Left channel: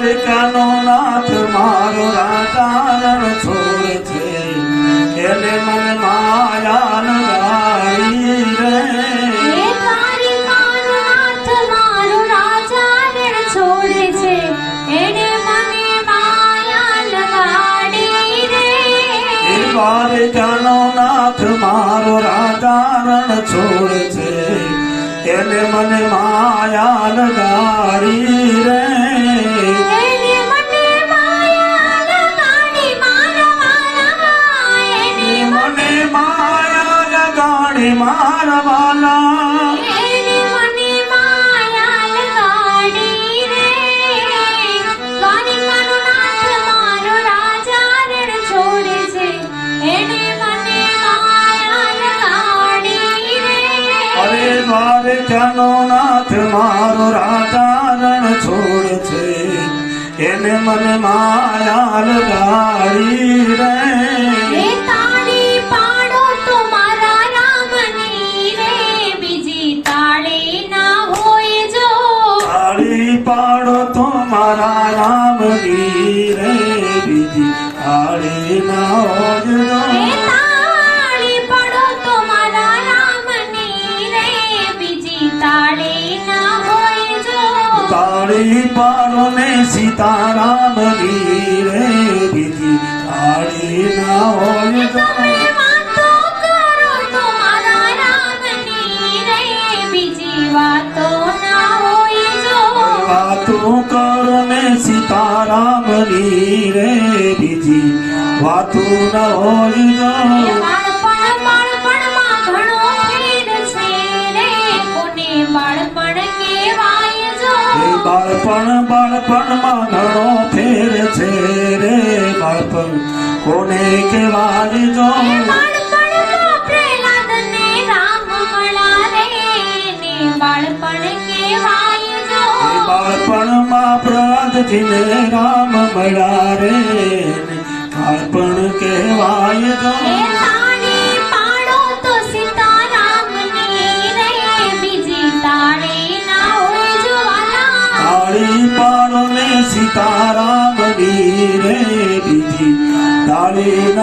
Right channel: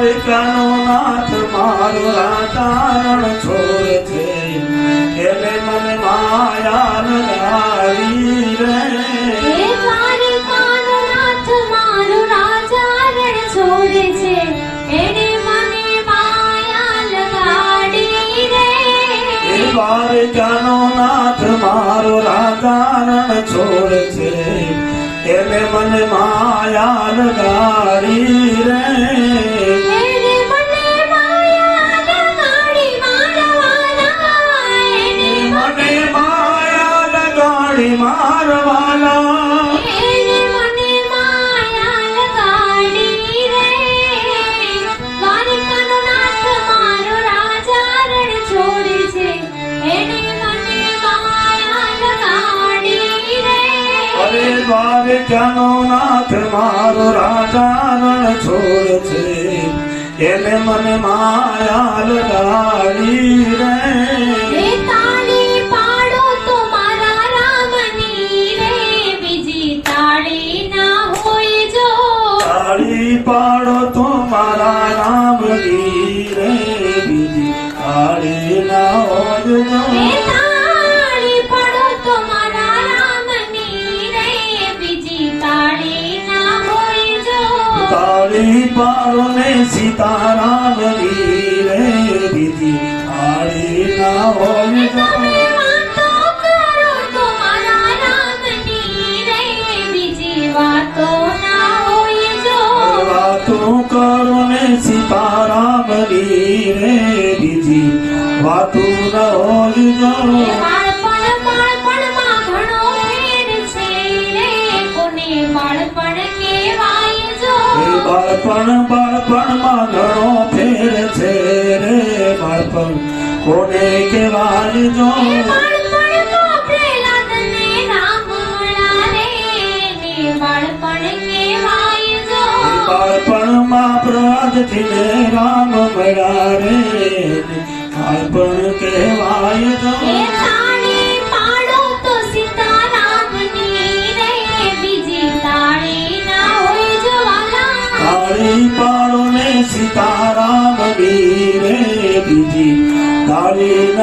પિતાનો નાથ મારો રાતારણ છોડ છે. એને ભાવે ક્યાંનો નાથ મારો રાજા રણ છોડ છે. એને મને માયા લગાડી રે. પાડો તો મારા બાળપણ બાળપણમાં ઘણો ફેર છે રે બાળપણ કોને કહેવાય જો બાળપણમાં પ્રાર્થથી ને રામ મળ્યા રે બાળપણ કહેવાય જો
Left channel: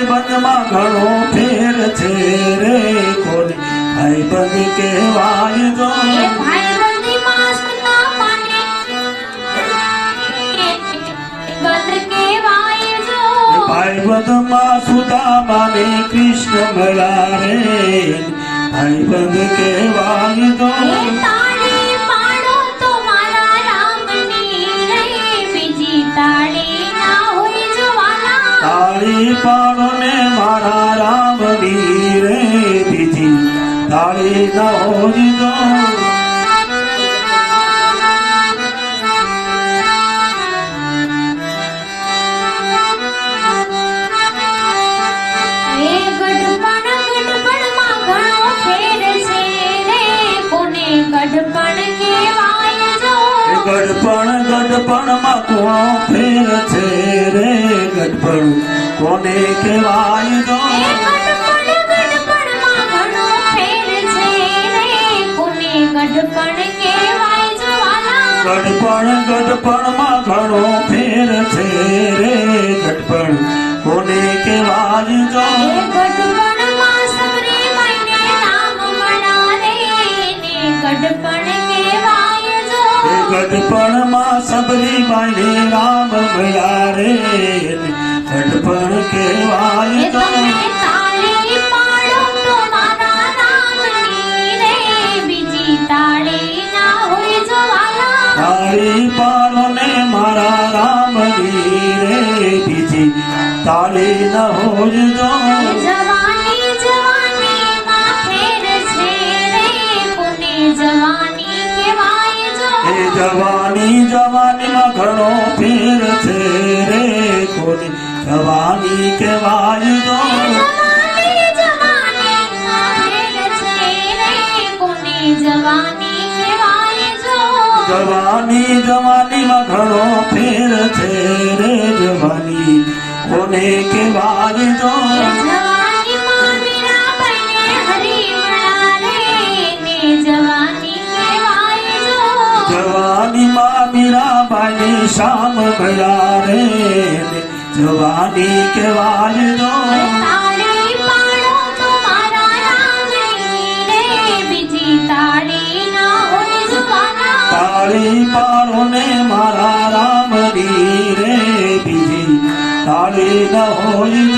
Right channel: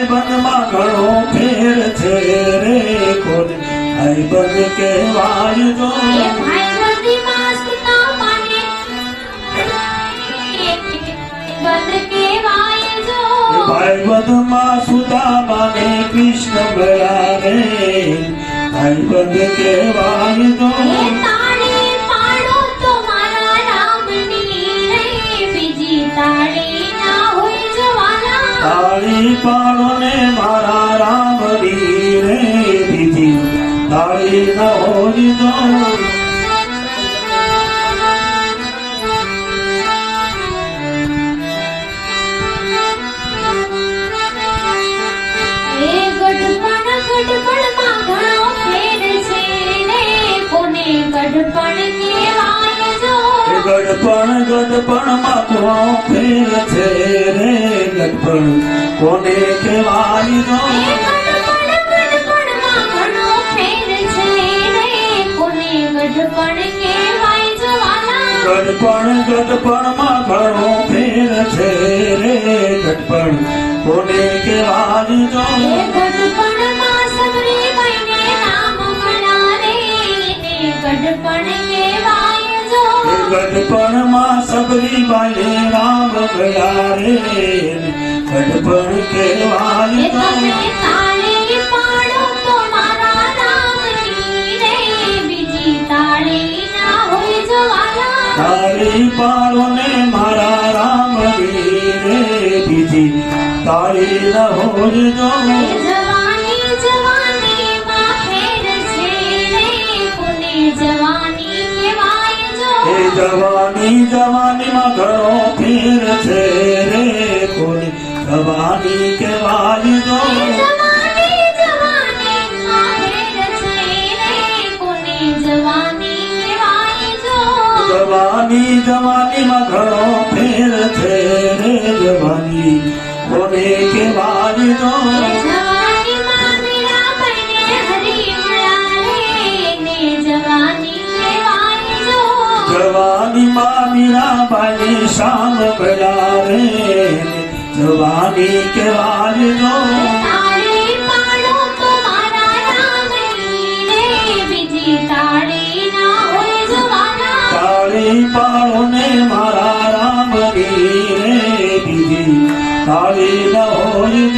હાય ઘણો ફેર છે રે ખોદ હાય બન કહેવાય તો. ભાઈબંધમાં સુદામાને કૃષ્ણ મળાવે ભાઈબંધ કહેવાય તો તારી પાણને મારા રામ રે દીધી. તારી દોર દોર ગઢપણ કેવા ગડપણ ગડપણમાં કોણ ફેર છે રે ગડપણ કોને કહેવાય નો ગડપણ ગડપણમાં ઘણો ફેર ગોરી માને રામ ગયા રે કડપણ કહેવાય તાળી પાડો ને મારા રામ રે બીજી તાળી ન હોય જો જવાની જવાનીમાં ઘણો ફેર છે રે કોની જવાની કહેવાય તો જવાની જવાનીમાં ઘણો ફેર છે રે જવાની કોને કહેવાય તો મીરાબાઈ શામ કયા રે જવાની કેવાજ દો તાળી પાડો ને મારા રામ રે બીજી તાળી ન હોય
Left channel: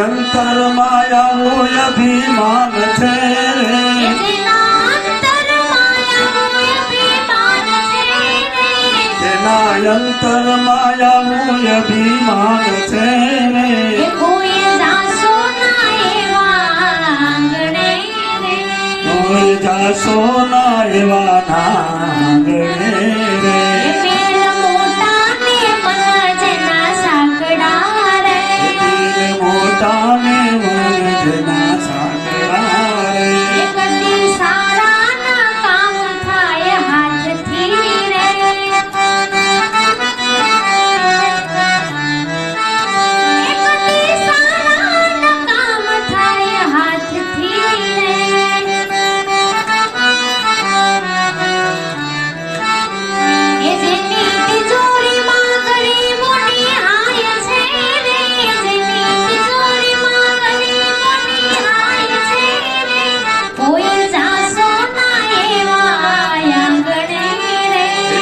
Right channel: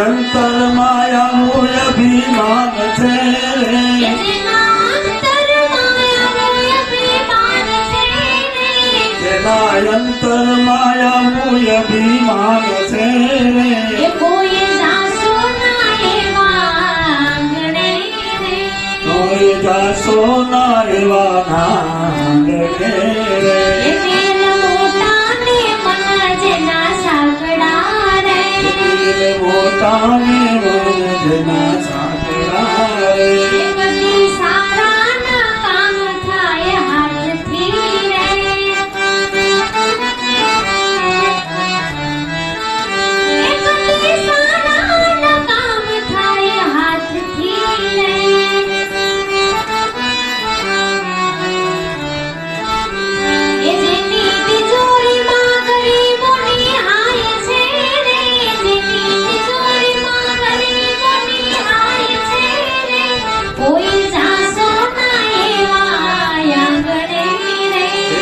અંતરમાં આવું અભિમાન છે તેના અંતરમાં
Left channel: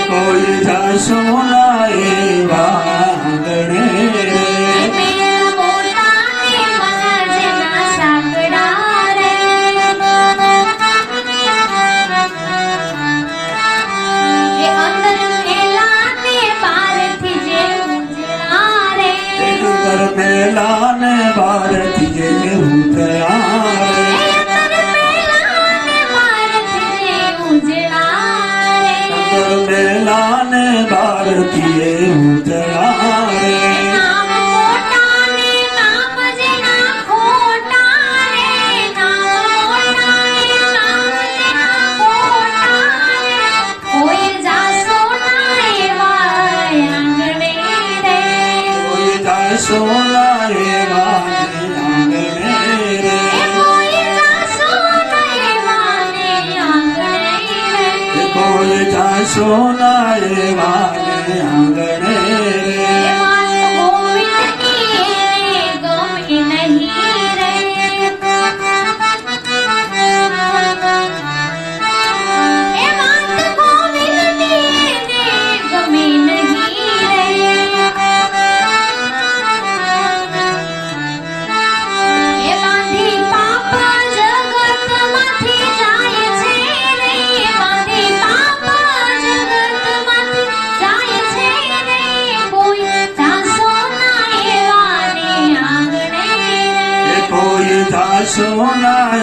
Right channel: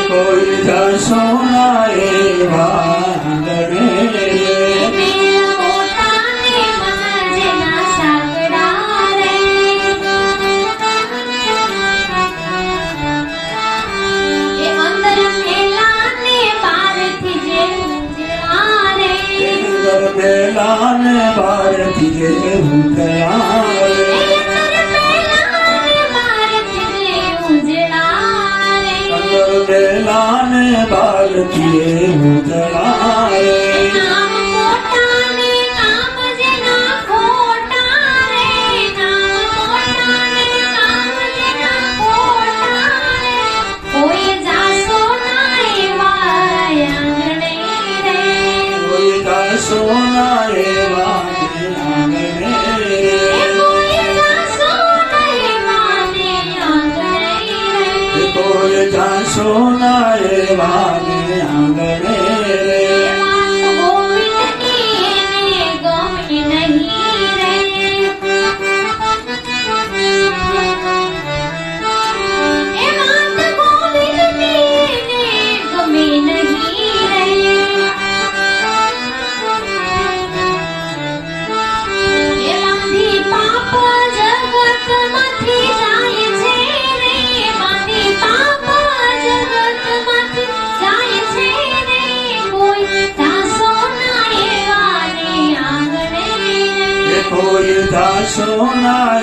કોઈ જશો ના એવા ભારતી જે હું so am alive.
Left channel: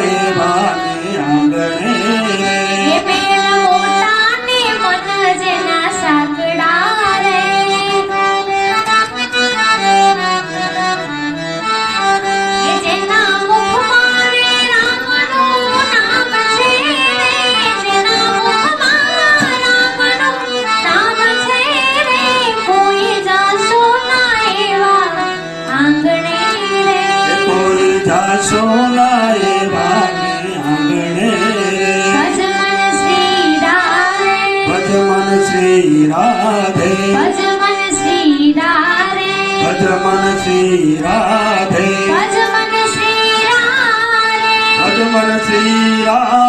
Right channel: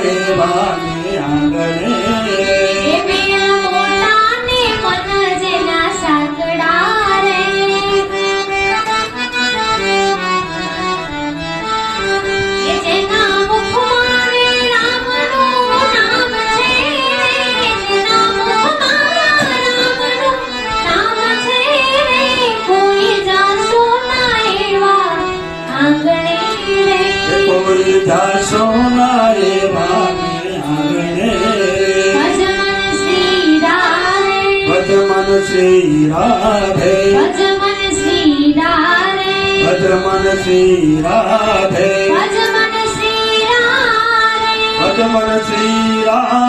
સોનારે ભાગી આંગણે ભજમન શ્રી રાધે ભજમન શ્રી રાધે ભજમન શ્રી રાધે ભજમન શ્રી રાધે ભજમન શ્રી રાધે